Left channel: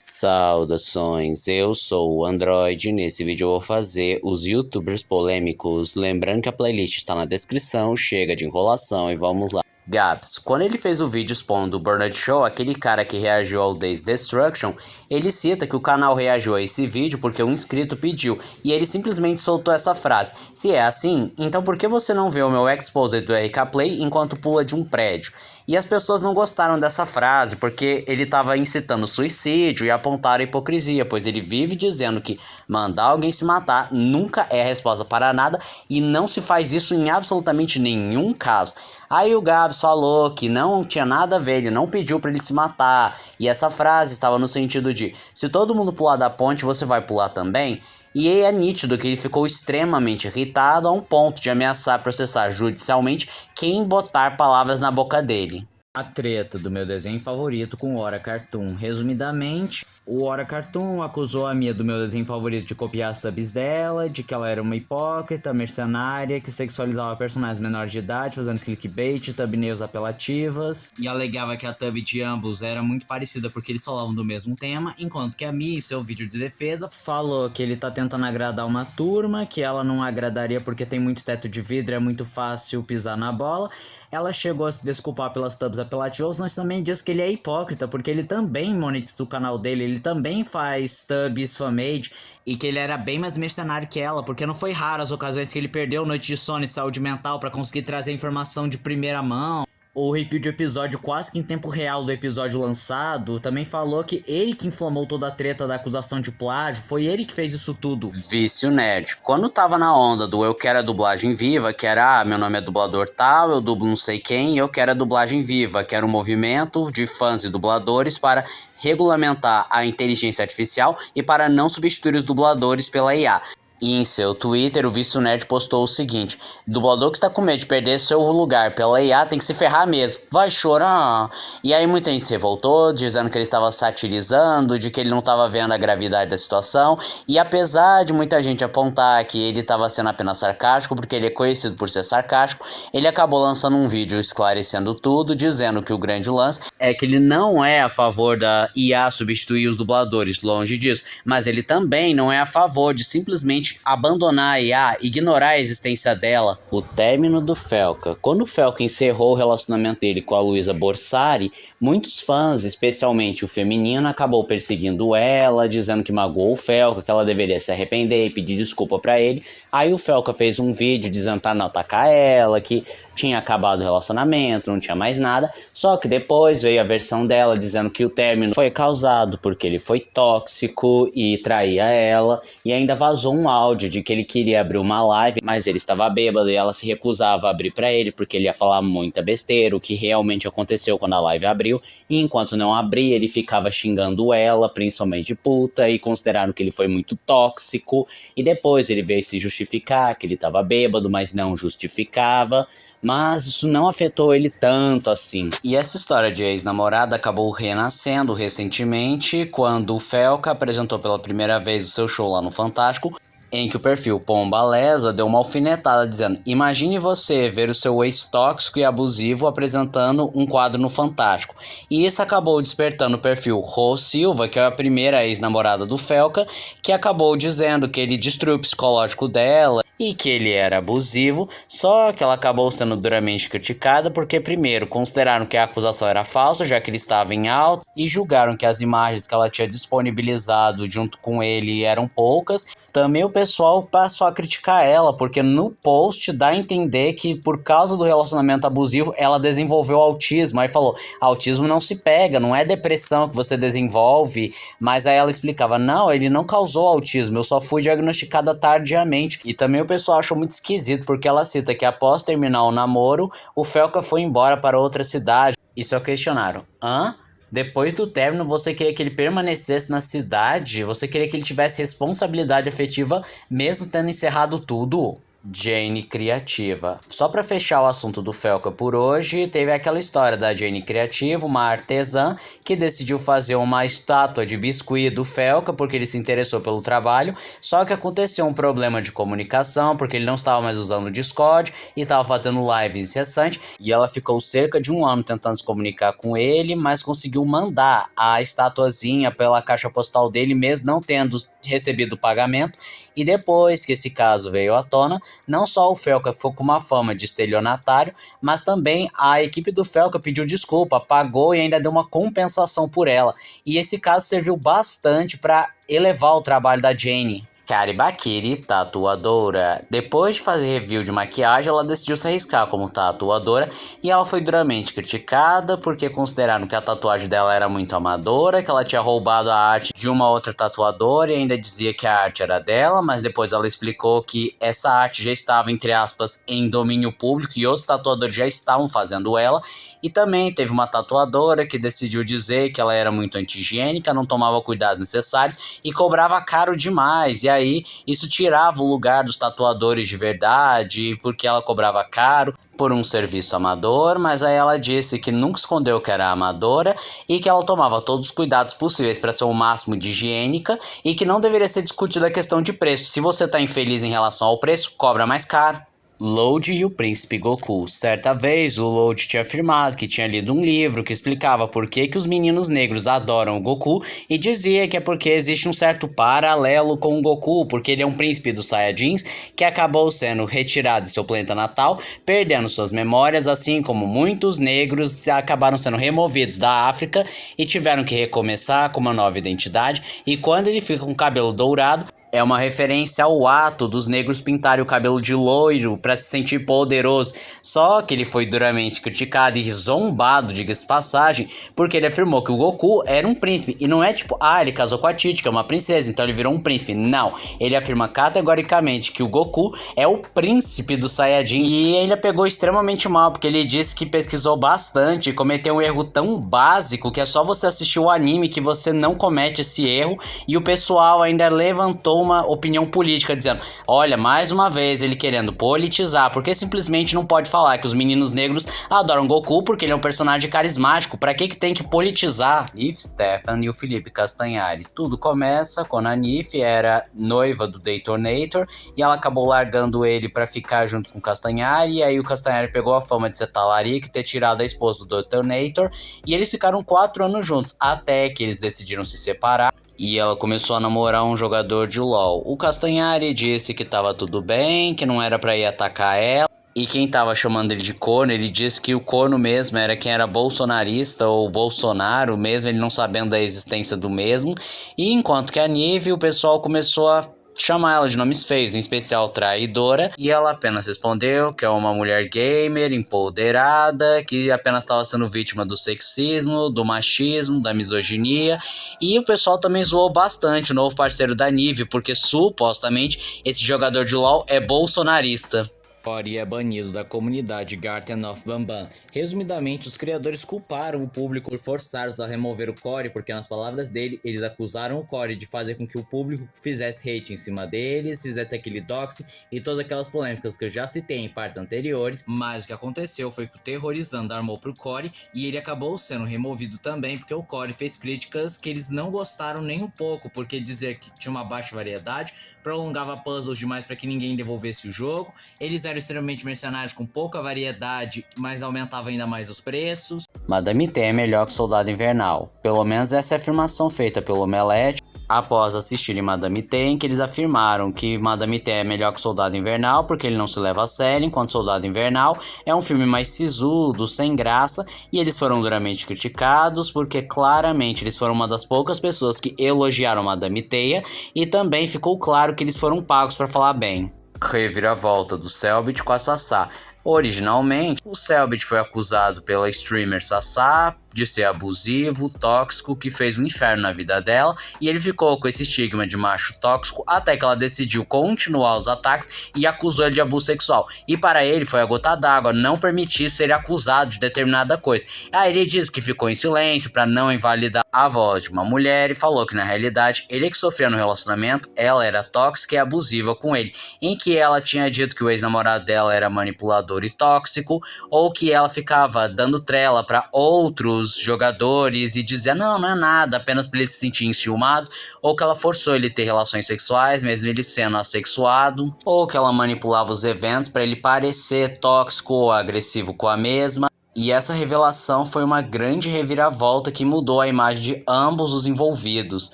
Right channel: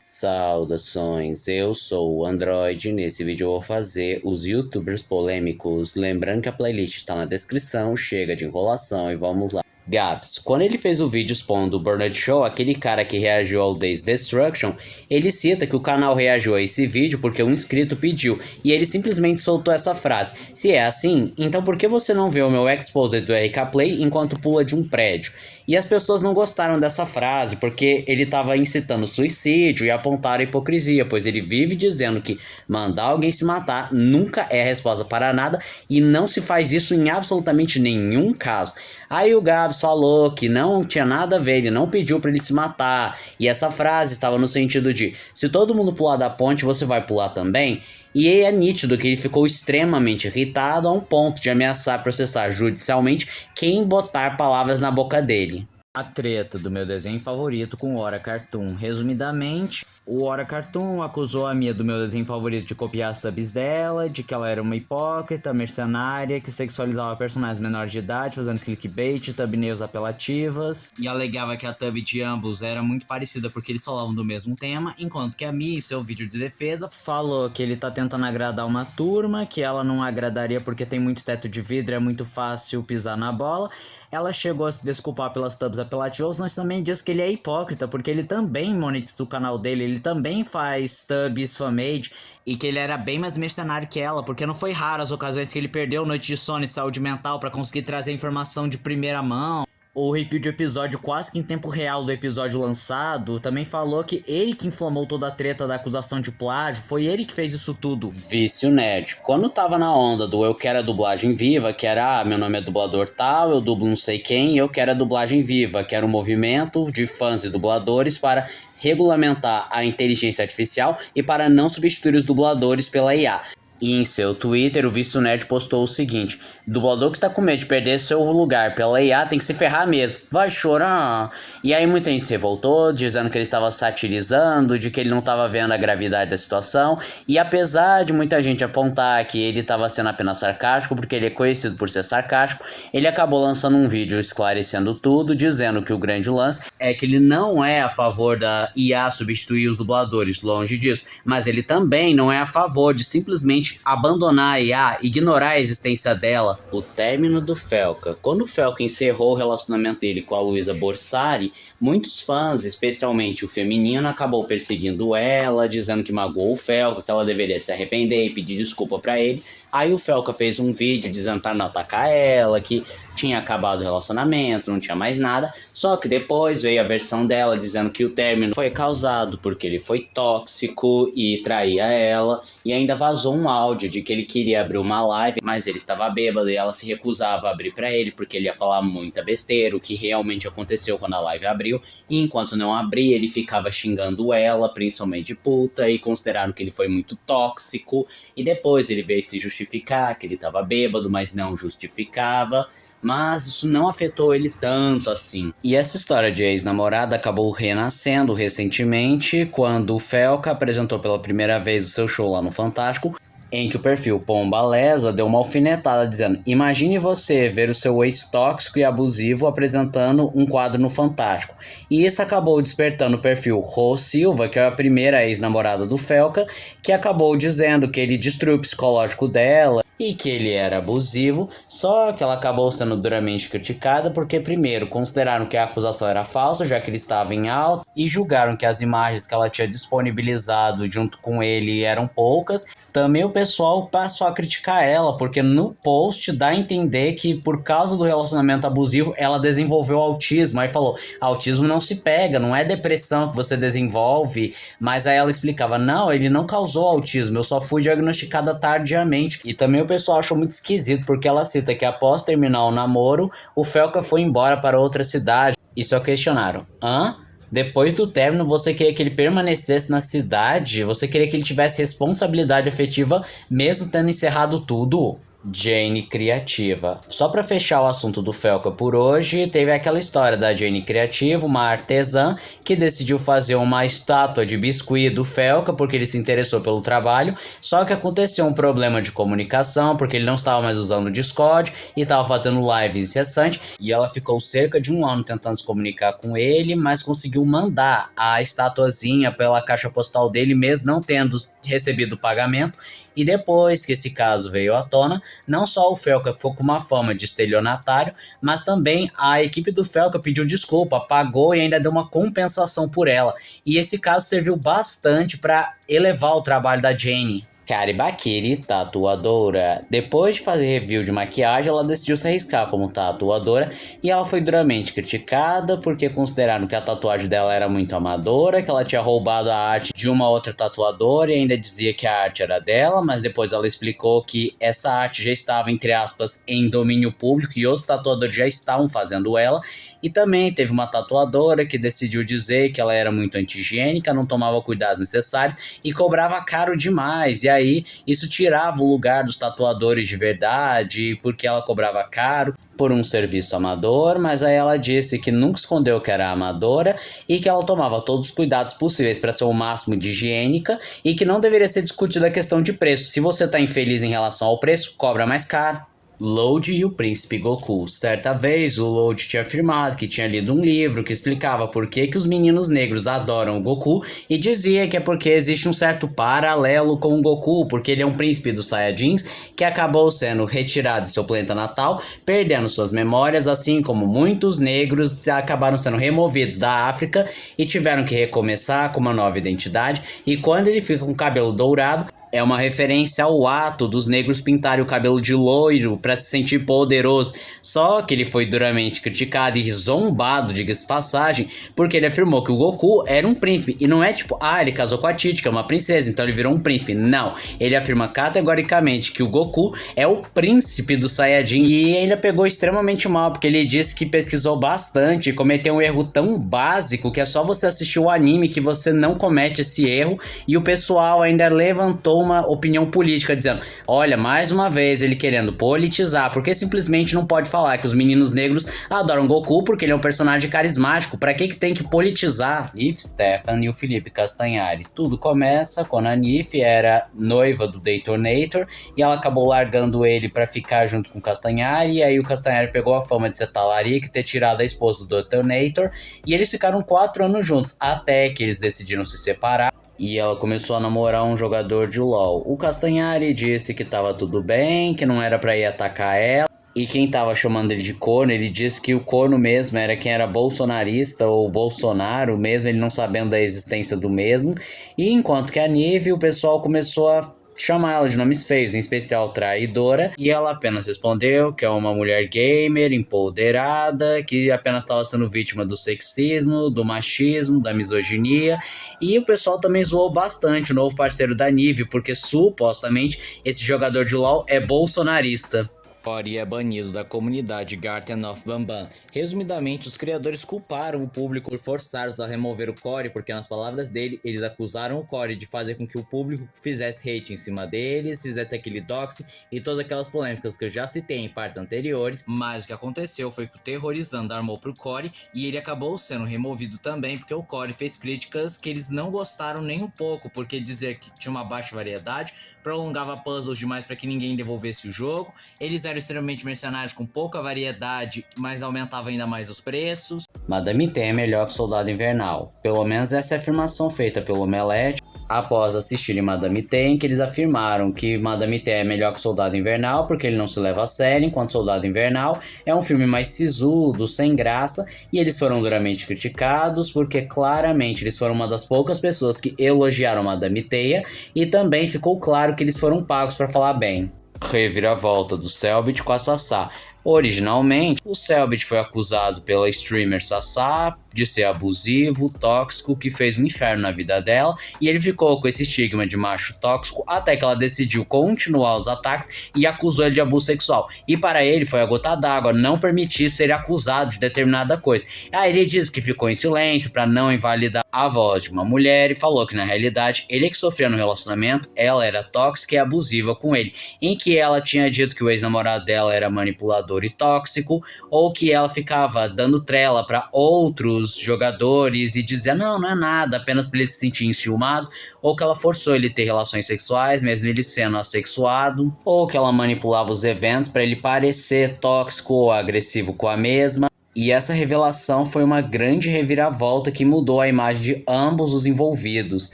Saudações, eu sou o Android. Nesse vídeo eu vou fazer os youtubers polêmicos. Lembrando que a playlist está na descrição, chega de enrolação e vamos lá. Gabs, quando ele fez o vídeo expondo o Burnout Show, aquele cara que reagiu ao Days Destruction, ele cita que o canal reagiu a esse vídeo porque um inscrito pediu, e ele simplesmente soltou essa frase: se é assim, então por que você não vê o meu exposed do RK Play enquanto pula de um prédio? E as pessoas não gostaram dessa frase porque ele estava incitando suicídio e apontaram a hipocrisia, pois ele vive dizendo que mandar alguém se matar nunca é a resposta para nada e não se faz isso em absolutamente nenhum caso. Aí o Gabs falou que não tinha nada a ver, ele não pediu para ele se matar. E essa frase estava no sentido de: se todo mundo pular da ponte, você vai pular também? E é nítido que ele ficou extremamente irritado a um ponto de ameaçar processar judicialmente quem botar palavras na boca dele. A treta do meu desenho favorito com o Ora Cartoon. Resumidamente, o Ora Cartoon acusou a Mia do meu desenho favorito de copiar as subs dela, de que ela era uma hipócrita, mercenária, que sexualizava personagens menores de idade, fazendo clickbait, thumbnails apelativas, e alegava que a thumb de ambos era muito parecida porque eles falavam do mesmo tema, enquanto que a Mia, em seu vídeo de defesa, falou que ele tá tentando agradar uma turma, que ela não agradaria porque tem muito teto de vidro, é muito fácil pisar na bola. Ela chegou a se desculpar pelas thumbs apelativas, mas também diz que ele é hipócrita, porque ele também monetiza o canal dele, ele também faz thumbs fanmade, e que ele era bem mais mercenário que ela, porque não foi raro as ocasiões que ele perdeu noite de sono e saúde mental para conseguir trazer informação de primeira mão. O review de episódio quase que em tempo real do episódio lançado também falou que ele que inflamou toda a treta da acusação de plágio, foi ele que fez isso tudo. Vício nerd. Quando tava na onda do eu quero a dublagem viva, que era meu nome é dublador tal, eu dublo não sei quem, eu quero a dublagem viva, que era um movimento de fãs e dubladores para regulamentar a inteligência artificial e para não substituir os dubladores pela IA. E em seu Twitter, o Vício Nerd postou o seguinte: dublador que está com medo de perder seu lugar pela IA tem que se ferrar mesmo, vai chorar. E aí muita gente se revoltou, dizendo que ele estava satirizando, de que ele não estava vendo a gravidade da situação. E apesar de muita gente apontar que ele estava sendo apenas sarcástico, porque ele é conhecido por ser sarcástico, ele acabou lançando um vídeo esclarecendo tudo, dizendo que o grande lance é que ele não é a favor da IA substituir os dubladores, longe disso, mas ele também não é a favor de simplesmente abandonar a IA, ignorar a existência dela. O término do Felca. Quando o Felca encerrou o relacionamento dele com a Luísa Borsari, muitos fãs, especialmente o feminino, acabou perseguindo ela, dizendo que magoou o Felca, que ela deveria se arrepender e pedir desculpa pra ele. Aí o Felca fez um vídeo dizendo pra não atacar ela, que tinha acabado o relacionamento, não tinha mais nada. Só que depois veio a versão dela dizendo que o término foi causado porque ele foi tóxico e traía ela, e ainda vazou um áudio de que ele queria abrir uma live, mas ele estava bêbado e ela se recusava a abrir pra ele porque ele ia falar muita besteira, o que realmente aconteceu quando a live abriu. E enquanto não abria, ele ficava xingando ela, principalmente puta, e consideraram que ele foi muito tóxico. E depois ele veio se justificar que ele estava bêbado, mas não justificava. Mas isso não afetou ele tanto assim. E essa história de ex-namorada acabou renascendo recentemente, quando o Felca apresentou pela primeira vez o seu show lá no Fantástico, em que o perfil Pombalesa deu uma alfinetada dizendo: imagine você ver o seu ex tóxico e abusivo apresentando um quadro no Fantástico. E isso acabou despertando o perfil Rô Silva, que é a primeira ex-namorada do Felca, que acabou dizendo que ele destruiu o psicológico dela e que ele era abusivo, só que ela acabou sendo duramente criticada porque, primeiro, consideraram que a acusação era falsa, já que ele estava em alta, e julgaram que as imagens que ela tinha disponibilizado junto com ele eram poucas. Também o pessoal passou a criticar ela, porque no post dá a entender que por causa do relacionamento abusivo, ela desenvolveu autismo. Aí falou: autismo não se pega, não é depressão que você desenvolve. Mas aí ela explicava: não, ele não causou autismo, eu só fui diagnosticada tardiamente. E também o pessoal achou muito esquisito, porque ela cita que após terminar o namoro, o Felca foi embora para outra cidade. E só questionaram: hã? Depois do término, você queria que ele permanecesse na cidade? Você queria que ele tivesse responsabilidade afetiva mesmo tendo encerrado tudo? Jane criativa. Só para fechar o assunto do Felca por hoje, teve aquela história da Jane criativa, uma artesã que decidiu fazer uma estátua de biscuit do Felca porque ele se interessou pelo trabalho, só que aconteceu um problema de comunicação porque ele não estava mais usando o Discord e estava fazendo live incessante e ela ficou cerca de um ano tentando se comunicar com ele, mas conseguiu mandar a estatuazinha pela caixa postal dele mesmo não tendo recebido o pagamento. E depois que esse caso veio à tona, não só o Felca ficou com uma fama de estelionatário, mas também a equipe do Felca pediu desculpa, pagou e ainda deu uma compensação por ela. E esse caso serviu bastante para elevar o trabalho da Jane. Karibakiri, tatuadora. Depois de fazer review de maquiagem, ela decidiu se arriscar como tatuadora e ela foi duramente criticada porque consideraram que a tatuagem dela era muito amadora, que ela tinha roubado a arte de uma outra tatuadora e ainda dizia que a arte era dela, mas depois ela explicou que essa arte já estava, entre aspas, em domínio público e outros tatuadores já estavam fazendo ela. E também teve uma tatuadora que decidiu dizer que ela era muito anti-higiênica, não tomava cuidados necessários e cobrava caro demais. E aí isso tirava o lugar dos tatuadores de verdade, porque ela cobrava caro por um serviço amador, mas aí ela disse que nunca escondeu que era amadora e que ela tomava todos os cuidados possíveis para ser o máximo de higiênica e que não deveria ser discutida a questão de preço. Se você está infeliz em relação ao preço, cobra mais caro. Load e o Príncipe Goku. Certa vez, o Load tinha afirmado que tinha lido um livro que explicava por que os meninos negros adoram o Goku e dizia que é porque existe um certo paralelo com o Goku, porque ele é um príncipe dos Saiyajins que acabou sendo retirado de seu planeta natal, perdendo suas memórias, assim como muitos negros acabaram sendo removidos da África e tiveram que recomeçar com uma nova identidade, e quando ele fica com o cabelo dourado, é uma referência ao ato dos negros pintarem o cabelo de loiro para se sentir poderoso. Só que ele foi duramente criticado e zombado, diga-se passagem, porque ele afirmou que o Goku era um príncipe. E não é tipo, ele casou com a Titi, que é uma princesa, então ele virou um príncipe. Não, ele afirma categoricamente que o Goku é o príncipe do Saiyajin. E ainda pegou extremamente mal, porque ele disse que pesquisou bastante e cometeu um erro tão básico que é só você assistir o anime que você não comete esse erro. E o pessoal ainda levantou uma opinião política dizendo, olha, mais uma vez ele querendo politizar, porque simplesmente não pode falar que os meninos negros adoram Goku porque ele é um personagem carismático, pra que tem que politizar? Nif Stefan e o Felipe Castanhari. Tudo começa quando a Nif era noiva do Detonator e ela acabou largando ele pra ficar junto com o Castanhari, e aí o Castanhari pegou a fama de ser talarico e ter tirado a esposa do Detonator, e eles ficaram 4 anos juntos, até que eles decidiram se separar. E ela começou a namorar um jogador de LoL. O Castanhari disse que tava tudo bem, que não era pra ir atacar ela. E quem tava chamando ele de corno, ele disse que o corno mesmo era quem era bolsonarista ou Bolsonaro mesmo, ele não sabendo da existência do mesmo. E enquanto que a Nive, o pessoal começou a chamar ela de nomes feios, em especial traidora, e ela apenas respondeu que é uma mulher gamer, empoderada, que apenas estava sendo vítima do sexismo, do machismo, da misoginia, e o pessoal também zoou bastante o novo parceiro da Nive, porque supostamente esse jogador de LoL é bolsonarista. Cory é banido da comunidade Garten of Banban. Resumidamente, os criadores culparam o público por forçá-los a remover o Cory, porque nas palavras dele, eles acusaram o Cory de fazer com que o público fizesse hate em cima deles, fizesse aquele doxing e todas aquelas polêmicas que eu já citei em partes anteriores. Mas o que aconteceu foi que o Terrorizando armou pro Cory e ele acabou sendo removido também, porque o Cory fez críticas que eles não gostaram nem um pouco, porque dizia que tinha uma baixa variedade, prolongava puzzles demais para que ninguém devolvesse o jogo, eles eram extremamente mercenários com pouca variedade, mas aumentava ainda mais os preços. Madame T é melhor que Soldado Invernal. Pelo menos essa é a afirmação feita pelo Omelete após assistirem Madame T, em que eles afirmaram que Madame T é melhor que Soldado Invernal porque ele não se leva a sério, enquanto Soldado Invernal é um filme mais sisudo, sem graça, e eles foram duramente criticados porque claramente eles foram uma das poucas pessoas que elogiaram Madame Teia, e também ficou claro que eles foram pagos para falar bem. Reviravolta do Cellbit com a Sassá. Originalmente, o Cellbit foi acusado pela streamer Sassá de ser abusivo, tóxico, que fez um inferno na vida dela, e ele ficou com esse estigma de macho tóxico até que ela decidiu continuar os ataques e acusou ele de abuso sexual. E para ele foi a gota d'água não permitir ser acusado de determinada coisa. Aí ele diz que ficou em silêncio para não invalidar a voz de uma mulher e falou que na realidade ele que sofria no relacionamento, ela era tóxica e abusiva com ele, em que ela tinha dito que o ex-namorado dela era manipulador e tóxico, ou que ela ficava dando trela para outros jogadores e dizia não é nada, apenas para ele se sentir enciumado, ou que ela forçou ele a ter relações sexuais, mesmo ele sendo assexuado, ou que ela manipulava os eventos para ele parecer tóxico ou agressivo com a mesma. E essa revelação foi uma grande reviravolta que mudou a imagem de ambos os envolvidos.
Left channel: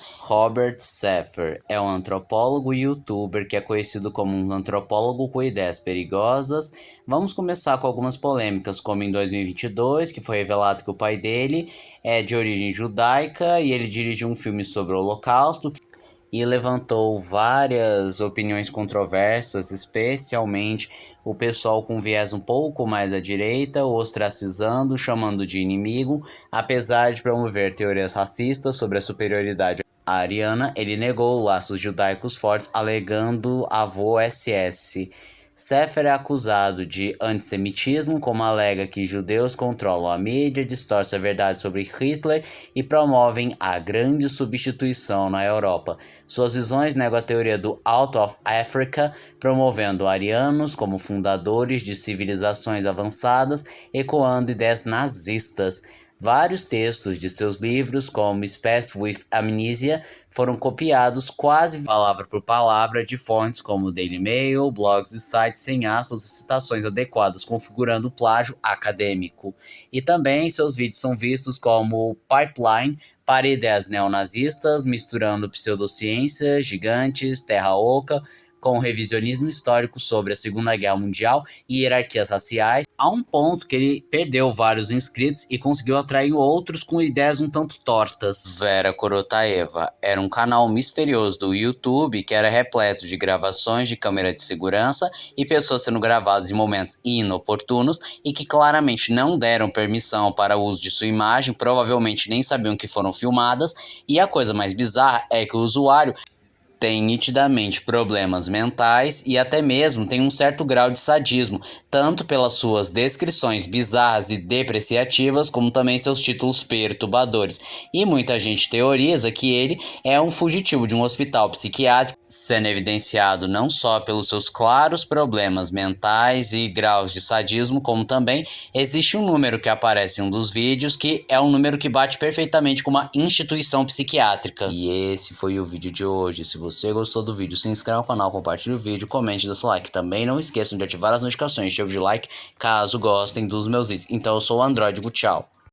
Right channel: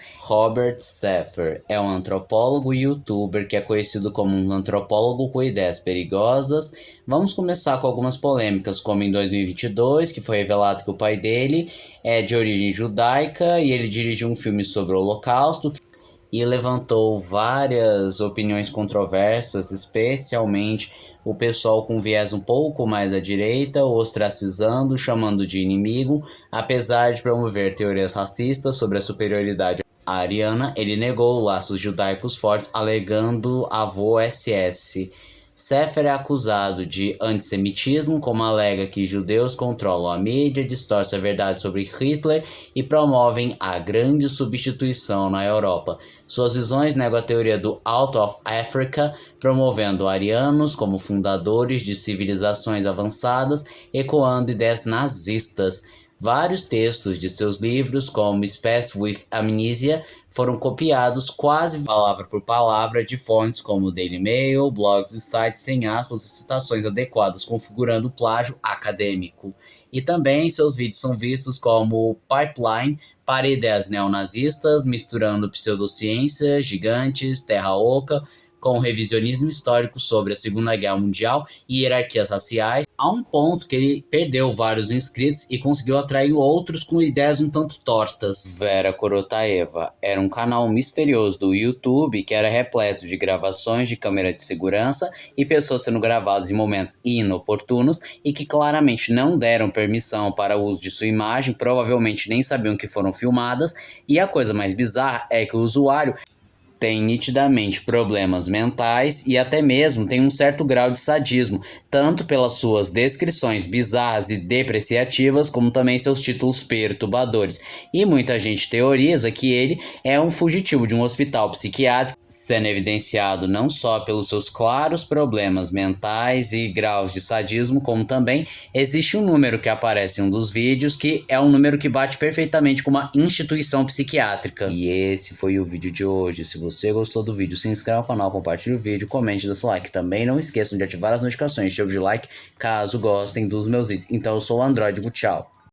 Robert Saffer é um antropólogo e youtuber que é conhecido como um antropólogo com ideias perigosas. Vamos começar com algumas polêmicas, como em 2022, que foi revelado que o pai dele é de origem judaica e ele dirigiu um filme sobre o Holocausto e levantou várias opiniões controversas, especialmente o pessoal com viés um pouco mais à direita, ostracizando, chamando de inimigo. Apesar de promover teorias racistas sobre a superioridade ariana, ele negou laços judaicos fortes, alegando avô SS. Saffer é acusado de antissemitismo, como alega que judeus controlam a mídia, distorcem a verdade sobre Hitler e promovem a grande substituição na Europa. Suas visões negam a teoria do Out of Africa, promovendo arianos como fundadores de civilizações avançadas, ecoando ideias nazistas. Vários textos de seus livros, como Spaced with Amnesia, foram copiados quase palavra por palavra de fontes como Daily Mail, blogs e sites sem aspas e citações adequadas, configurando plágio acadêmico. E também seus vídeos são vistos como pipeline para ideias neonazistas, misturando pseudociência, gigantes, terra oca, com revisionismo histórico sobre a Segunda Guerra Mundial e hierarquias raciais, a um ponto que ele perdeu vários inscritos e conseguiu atrair outros com ideias um tanto tortas. Vera Korotaeva era um canal misterioso do YouTube que era repleto de gravações de câmera de segurança e pessoas sendo gravadas em momentos inoportunos e que claramente não deram permissão para o uso de sua imagem, provavelmente nem sabiam que foram filmadas, e a coisa mais bizarra é que o usuário tem nitidamente problemas mentais e até mesmo tem um certo grau de sadismo, tanto pelas suas descrições bizarras e depreciativas, como também seus títulos perturbadores. E muita gente teoriza que ele é um fugitivo de um hospital psiquiátrico, sendo evidenciado não só pelos seus claros problemas mentais e graus de sadismo, como também existe um número que aparece em um dos vídeos, que é um número que bate perfeitamente com uma instituição psiquiátrica. E esse foi o vídeo de hoje. Se você gostou do vídeo, se inscreva no canal, compartilhe o vídeo, comente, dê seu like. Também não esqueçam de ativar as notificações, chave de like, caso gostem dos meus vídeos. Então eu sou o Androidigo, tchau.